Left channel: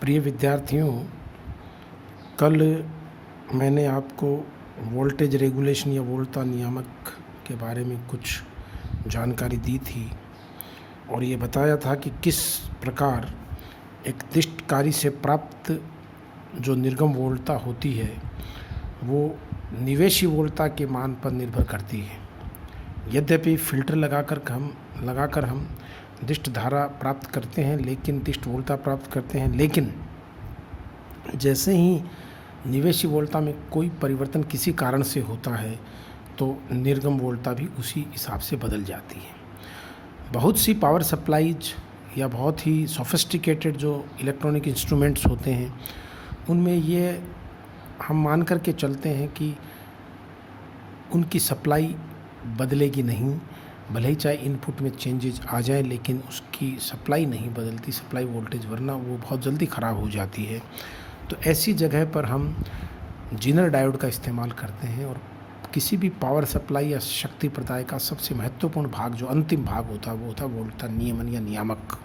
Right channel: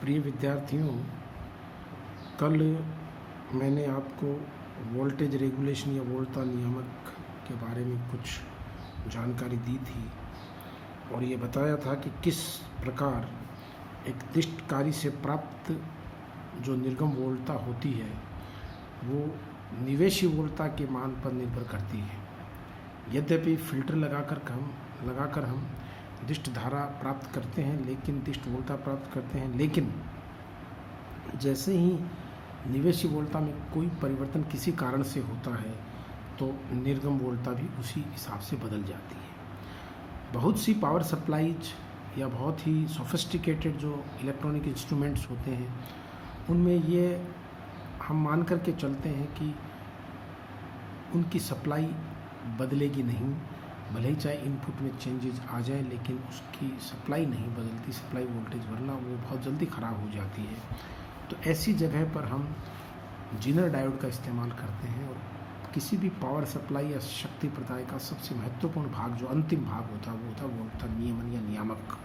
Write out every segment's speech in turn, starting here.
प्रिय विद्यार्थियों, कल मैंने आपको वोल्टेज रेगुलेशन या वोल्टता नियामक के बारे में कुछ जानकारी दी थी और ये बताया था कि किस प्रकार एक दिष्ट कार्य से प्राप्त जो निर्गम वोल्टता होती है वो निवेशी वोल्टता के मान पर निर्भर करती है। यद्यपि फ़िल्टर लगाकर हम दिष्ट धारा प्राप्त करते हैं, दिष्ट वोल्टता प्राप्त करते हैं, लेकिन जैसे ही निवेशी वोल्टता में कोई परिवर्तन किसी कारण से होता है तो निर्गम वोल्टता भी उसी हिसाब से बदल जाती है। बहुत सी पावर सप्लाईज या बहुत ही सोफिस्टिकेटेड जो इलेक्ट्रॉनिक इंस्ट्रूमेंट्स होते हैं उनमें ये हम मान कर के चलते हैं कि उनकी सप्लाई बदलेगी नहीं, भले ही चाहे इनपुट में चेंजेस आ जाए, लेकिन उसकी सप्लाई नहीं बदलती, सप्लाई वोल्टेज, वरना वो बहुत जल्दी ख़राब हो जाती है। तो ऐसी जगह पर हम जीनर डायोड का इस्तेमाल करते हैं और किसी भी पावर सप्लाई या शक्ति प्रदाय का सबसे महत्वपूर्ण भाग, जो अंतिम भाग होता है, वो होता है वोल्टता नियमन या नियामक।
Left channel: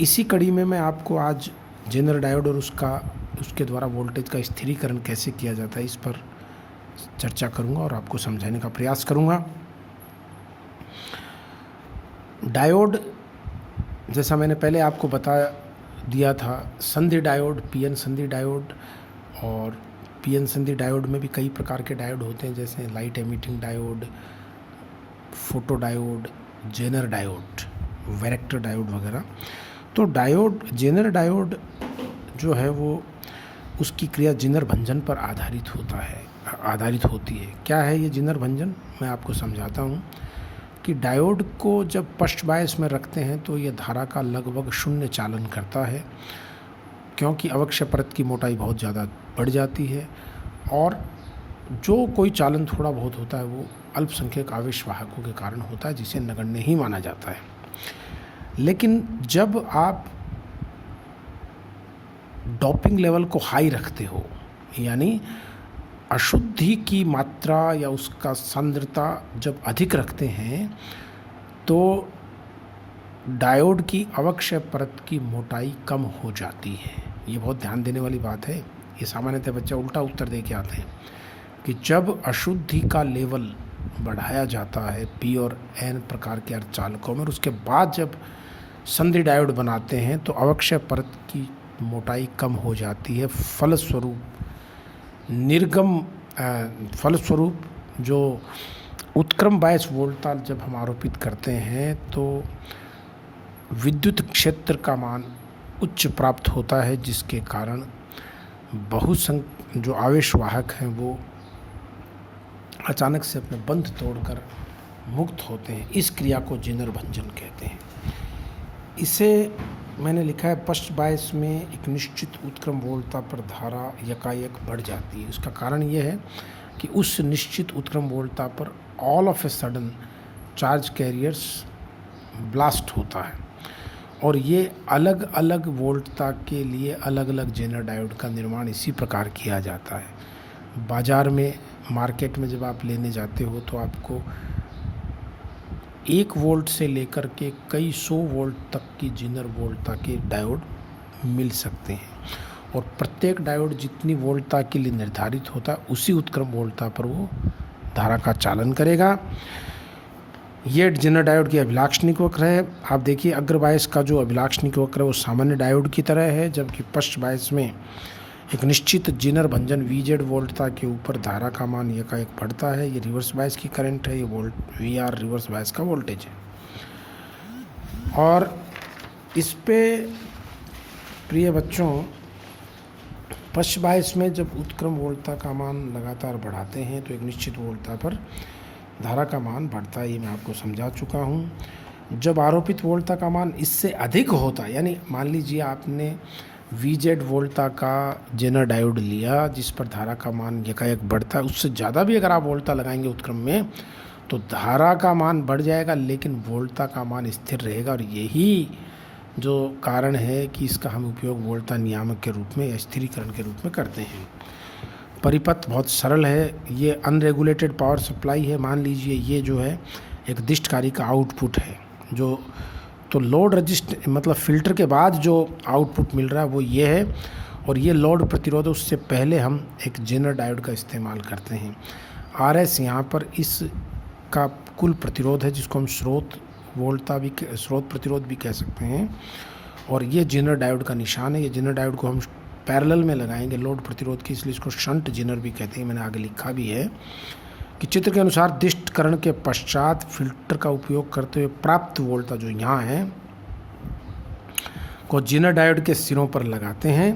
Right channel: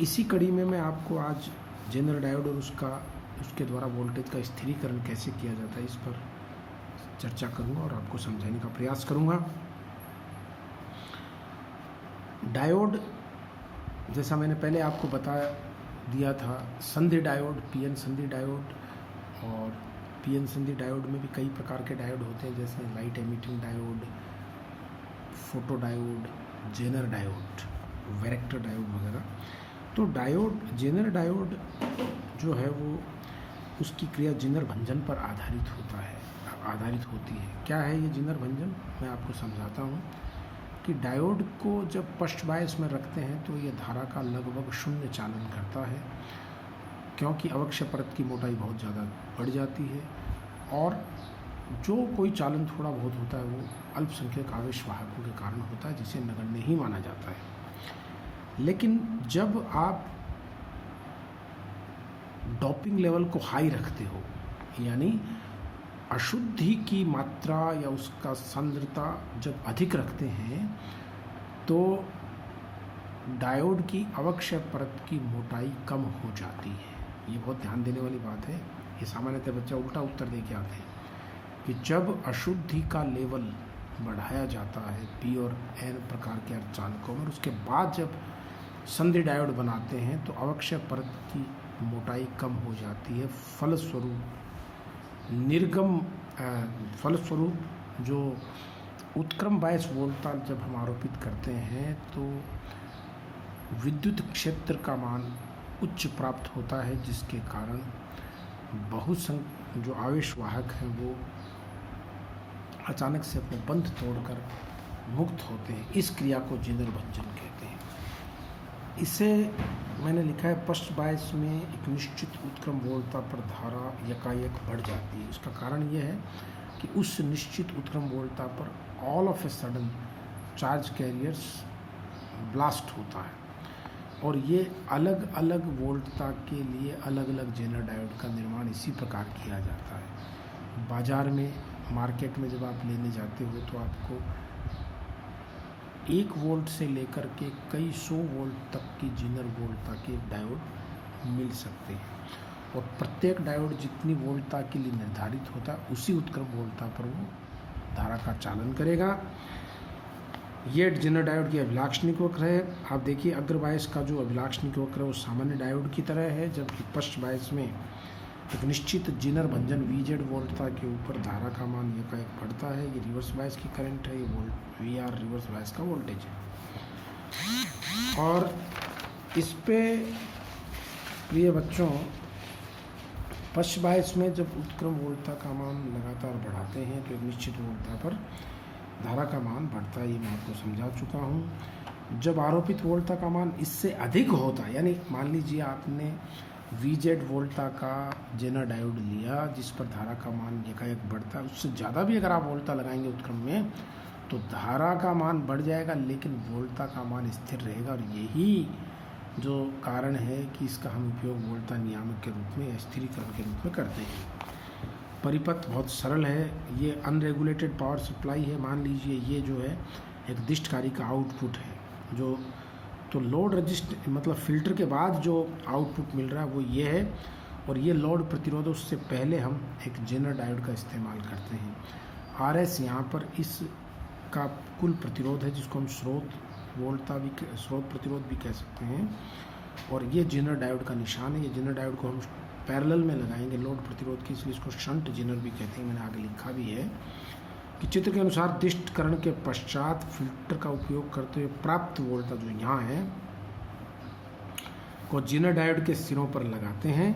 इसी कड़ी में मैं आपको आज जीनर डायोड और उसके द्वारा वोल्टेज का स्थिरीकरण कैसे किया जाता है इस पर चर्चा करूंगा और आपको समझाने का प्रयास करूंगा। डायोड, जैसा मैंने पहले आपको बता दिया था, संधि डायोड, पीएन संधि डायोड, और पीएन संधि डायोड में भी कई प्रकार के डायोड होते हैं, जैसे light emitting diode, photo diode, zener diode, varactor diode वगैरह। तो डायोड, जेनर डायोड जो है वो उसकी क्रिया जिनर भंजन पर आधारित होती है। क्या है ये जिनर भंजन? मैं आपको समझाता हूँ कि डायोड को जब पश्च बायस में रखते हैं तो ये धारा का लगभग शून्य चालन करता है, क्योंकि अवक्ष्य परत की मोटाई बहुत ज़्यादा बढ़ जाती है और जो कोई चालन थोड़ा बहुत होता है वो अल्पसंख्यक आवेश वाहकों के कारण होता है, जिसे नगण्य ही माना जाता है। लेकिन जब आप डोपिंग लेवल को हाई रखते हो, यानी अशुद्धि की मात्रा या उसका सांद्रता जब अधिक रखते हैं, तो डायोड की अवक्ष्य परत की मोटाई कम हो जाती है। ये बहुत ध्यान देने वाली बात है। ये सामान्यतः बच्चे उल्टा उत्तर दे के आते हैं कि जब अशुद्धि का लेवल बढ़ाया जाता है पी और एन प्रकार के अर्धचालकों में, और उसके बाद जब संधि डायोड बनाते हैं तो अवक्ष्य परत की मोटाई कम हो जाती है। फलस्वरूप जो उत्क्रम बायस वोल्टता जब हम आरोपित करते हैं तो विद्युत क्षेत्र का मान उच्च प्राप्त होता है, जिसके कारण जो आवेश वाहक हैं वो अचानक से अपने बंध तोड़कर मुक्त होते हैं। इस क्रिया को जिनर भंजन कहते हैं। इसे मैंने लिखा है, पश्च बायस में एक निश्चित उत्क्रम वोल्टता पर धारा यकायक बढ़ जाती है। उसका कारण यह है कि उस निश्चित उत्क्रम वोल्टता पर all of a sudden charge carriers blast होता है, और ये अलग अलग वोल्टता के लिए अलग अलग जेनर डायोड का निर्माण इसी प्रकार किया जाता है। बाज़ार में, मार्केट में जब आप लेने जाते हो तो आपको 1 वोल्ट से लेकर के कई 100 वोल्ट तक की जिनर वोल्टता के डायोड मिल सकते हैं, और प्रत्येक डायोड जितनी वोल्टता के लिए निर्धारित होता है उसी उत्क्रम वोल्टता पर वो धारा का चालन करेगा। ये जिनर डायोड की अभिलाक्षणिक वक्र है। आप देखिए, अग्र बायस का जो अभिलाक्षणिक वक्र है वो सामान्य डायोड की तरह है, जबकि पश्च बायस में एक निश्चित जिनर भंजन वीजेड वोल्टता के ऊपर धारा का मान यकायक बढ़ता है। ये रिवर्स बायस की करंट है, ये वीआर रिवर्स बायस का वोल्टेज है। और इस पे प्रिय बच्चों, पश्च बायस में जब उत्क्रम वोल्टता का मान लगातार बढ़ाते हैं तो एक निश्चित वोल्टता पर धारा का मान बढ़ता है। ये मैं आपको समझा चुका हूँ। जब आरोपित वोल्टता का मान इससे अधिक होता है, यानी मान लीजिए आपने वीजेड वोल्टता का जेनर डायोड लिया जिस पर धारा का मान यकायक बढ़ता है, उससे ज़्यादा भी अगर आप वोल्टता लगाएंगे उत्क्रम में तो धारा का मान बढ़ जाएगा, लेकिन वोल्टता का मान स्थिर रहेगा। और यही जो कारण है कि इसका हम उपयोग वोल्टता नियामक के रूप में या स्थिरीकरण के रूप में करते हैं। परिपथ बहुत सरल है। ये अनरेगुलेटेड पावर सप्लाई है। मान लीजिए ये जो है एक दिष्टकारी का आउटपुट है जो तो लोड रजिस्ट मतलब फ़िल्टर के बाद जो आउटपुट मिल रहा है वो ये है, और ये लोड प्रतिरोध उससे पहले हम एक जेनर डायोड का इस्तेमाल करते हैं। RS यहाँ पर इस का कुल प्रतिरोध है, जिसको हम स्रोत प्रतिरोध भी कह सकते हैं, और ये जेनर डायोड का निशान है। ये जेनर डायोड को हम पैरेलल में लगाएंगे लोड प्रतिरोध के, इसलिए इसको शंट जेनर भी कहते हैं। मैंने आगे लिखा भी है कि चित्र के अनुसार दिष्टकरण के पश्चात फिल्टर का उपयोग करते हुए प्राप्त वोल्टेज जो यहाँ है को जेनर डायोड के सिरों पर लगाते हैं।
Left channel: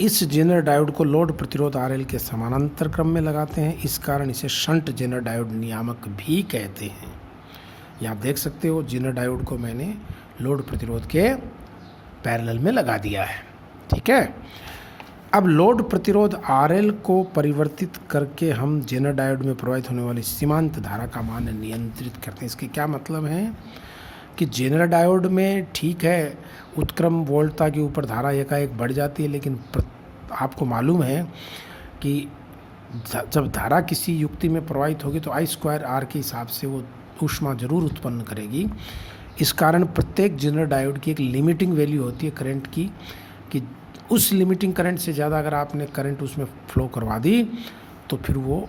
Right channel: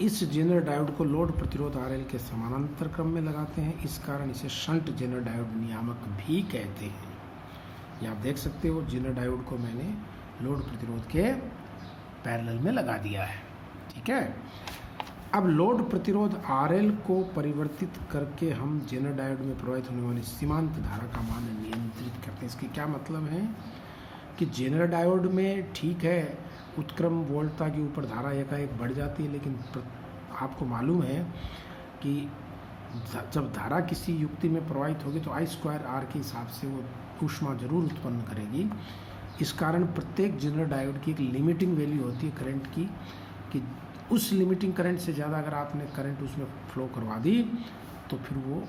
इस जेनर डायोड को लोड प्रतिरोध RL के समानांतर क्रम में लगाते हैं, इस कारण इसे शंट जेनर डायोड नियामक भी कहते हैं। ये आप देख सकते हो, जेनर डायोड को मैंने लोड प्रतिरोध के पैरेलल में लगा दिया है। ठीक है, अब लोड प्रतिरोध RL को परिवर्तित करके हम जेनर डायोड में प्रवाहित होने वाली सीमांत धारा का मान नियंत्रित करते हैं। इसके क्या मतलब है कि जेनर डायोड में ठीक है उत्क्रम वोल्टता के ऊपर धारा एकाएक बढ़ जाती है, लेकिन आपको मालूम है कि जब धारा किसी युक्ति में प्रवाहित होगी तो I²R के हिसाब से वो ऊष्मा जरूर उत्पन्न करेगी। इस कारण प्रत्येक जेनर डायोड की एक लिमिटिंग वैल्यू होती है करंट की, कि उस लिमिटिंग करंट से ज़्यादा अगर आपने करंट उसमें फ्लो करवा दी तो फिर वो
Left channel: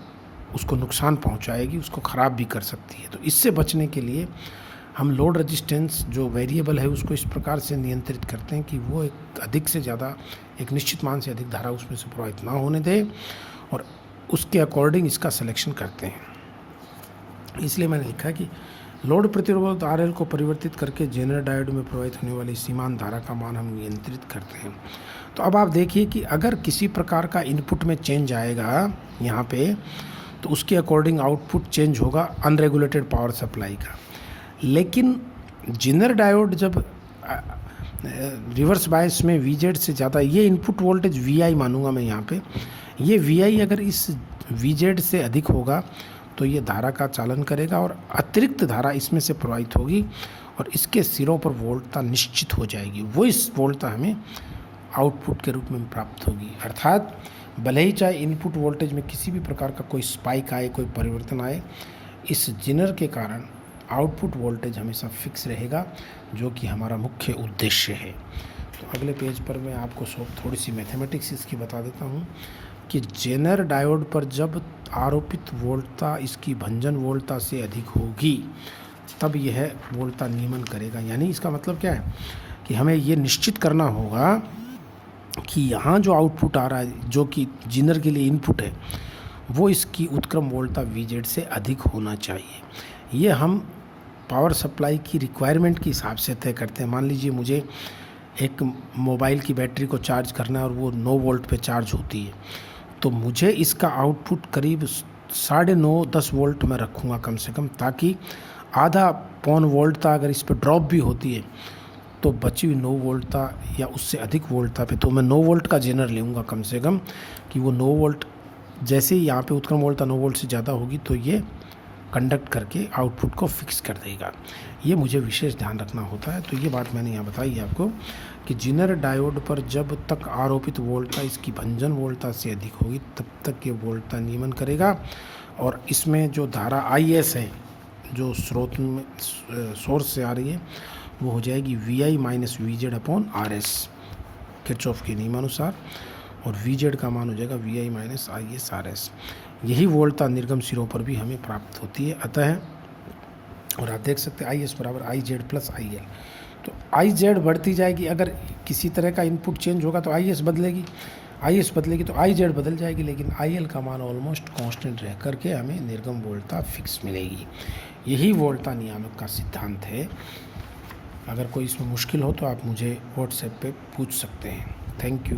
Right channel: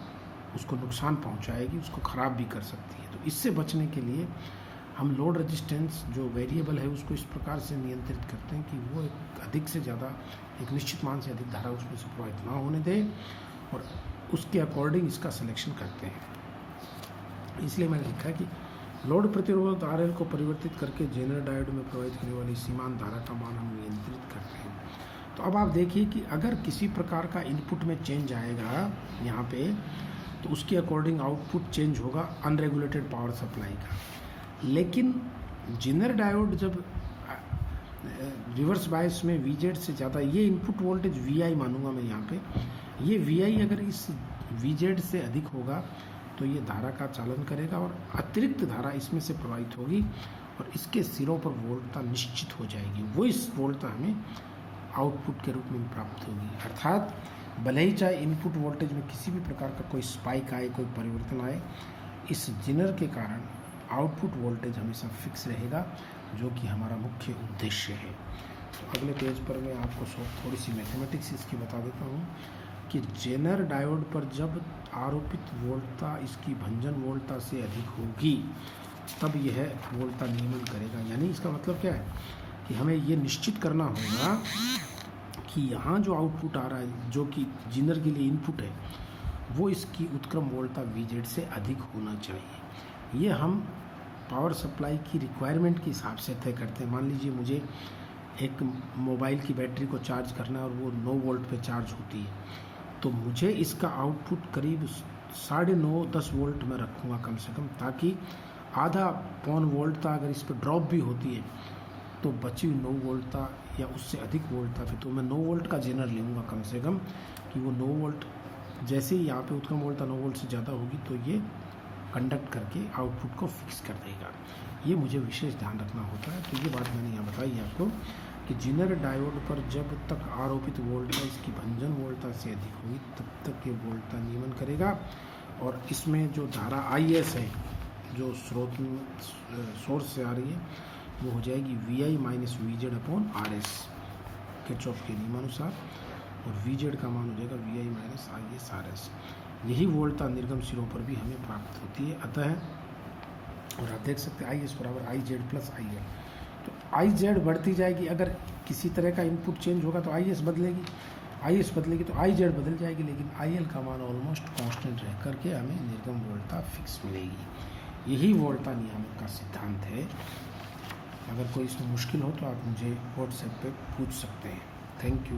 उसको नुकसान पहुंचाएगी, उसको ख़राब भी कर सकती है। तो इससे बचने के लिए हम लोड रेजिस्टेंस जो वेरिएबल है उसको इस प्रकार से नियंत्रित करते हैं कि वो एक अधिक से ज़्यादा एक निश्चित मान से अधिक धारा उसमें से प्रवाहित ना होने दें, और उसके अकॉर्डिंग इसका सिलेक्शन करते हैं। इसलिए मैंने लिखा कि लोड प्रतिरोध RL को परिवर्तित करके जेनर डायोड में प्रवाहित होने वाली सीमांत धारा का मान हम नियंत्रित करते हैं। तो अब आप देखिए कि अगर किसी प्रकार का इनपुट में चेंज आएगा यहाँ पे, तो उसके अकॉर्डिंग आउटपुट चेंज होगा अनरेगुलेटेड पावर सप्लाई का। लेकिन जेनर डायोड जब रिवर्स बायस में VZ से ज़्यादा, ये इनपुट वोल्टेज VI मानूंगा मैं यहाँ पे, ये VI अगर इस VZ से अधिक होगा तो ये धारा का चालन करेगा और अतिरिक्त धारा इसमें से प्रवाहित होगी और इसके सिरों पर वोल्टता निश्चित हो जाएगी। वो इस वोल्टता हमें आउटपुट के रूप में प्राप्त होगी। अर्थात भले ही चाहे इनपुट वोल्टेज में किसी भी प्रकार का कोई स्पाइक आए, कोई परिवर्तन आए, इस जेनर के कारण आउटपुट वोल्टेज हमेशा फिक्स रहेगा, जो कि हमारा मुख्य उद्देश्य है। तो अगले पेज पर मैं आपको थोड़ी सी मैथमेटिक्स इसकी बता देता हूँ कि जेनर डायोड पर जब आरोपित वोल्टता इसकी भंजन वोल्टता से अधिक होगी तब यह वोल्टता नियमन करेगा। यानी इसका मतलब क्या है कि हमें ये निश्चित करना होगा कि यहाँ जो आउटपुट आ रहा है, जो कि जेनर के लिए इनपुट है, वो इसकी उत्क्रम वोल्टता VZ से अधिक होना चाहिए। ये हम पावर सप्लाई की रिक्वायरमेंट के हिसाब से तय करते हैं। मान लीजिए मुझे एक मोबाइल की बैटरी को चार्ज करना है और वो 9 वोल्ट पे चार्ज होती है, तो मुझे इसका आउटपुट करीब 9.5-10 वोल्ट में रखूँगा कम से कम, ताकि आधा पौन वोल्टता अगर इस पर ड्रॉप भी होती है तो बची हुई 9 वोल्टता या उससे अधिक वोल्टता पे तो मैं 9 वोल्ट का जेनर लूँगा कम से कम, कि वो 9 वोल्ट जैसे ही यहाँ पे उत्क्रम वोल्टता 9 वोल्ट से ज़्यादा होगी तो ये कंडक्ट करके आउटपुट को फिक्स कर देगा। ये मुझे विशेष ध्यान रखना होता है। तो ये बात मैंने यहाँ बताई है आपको कि जेनर डायोड पर जब तक आरोपित वोल्टता इसकी भंजन वोल्टता से अधिक होगी तब तक ये वोल्टता नियमन करेगा, और इसमें जो धारा IS है जो स्रोत में सोर्स से आ रही है वो हो जाएगी VI माइनस VZ/RS किरचॉफ के नियमानुसार, और VZ का मान हो जाएगा VI माइनस IS/RS। यही वोल्टता निर्गम सिरों पर भी हमें प्राप्त होती है। अतः और आप देख सकते हैं IS बराबर IZ प्लस IL। तो IZ बढ़ती जाएगी, अगर किसी तरह का इनपुट चेंज होगा तो IS बदलेगी, IS बदलेगी तो IZ बदल जाएगी, लेकिन IL का मान ऑलमोस्ट कांस्टेंट रह करके हमें निर्गम वोल्टता फिक्स मिलेगी। यही वोल्टता नियामक का सिद्धांत है। अगर कोई इसमें मुश्किल हो तो आप मुझे व्हाट्सएप पे पूछ सकते हैं। Thank you.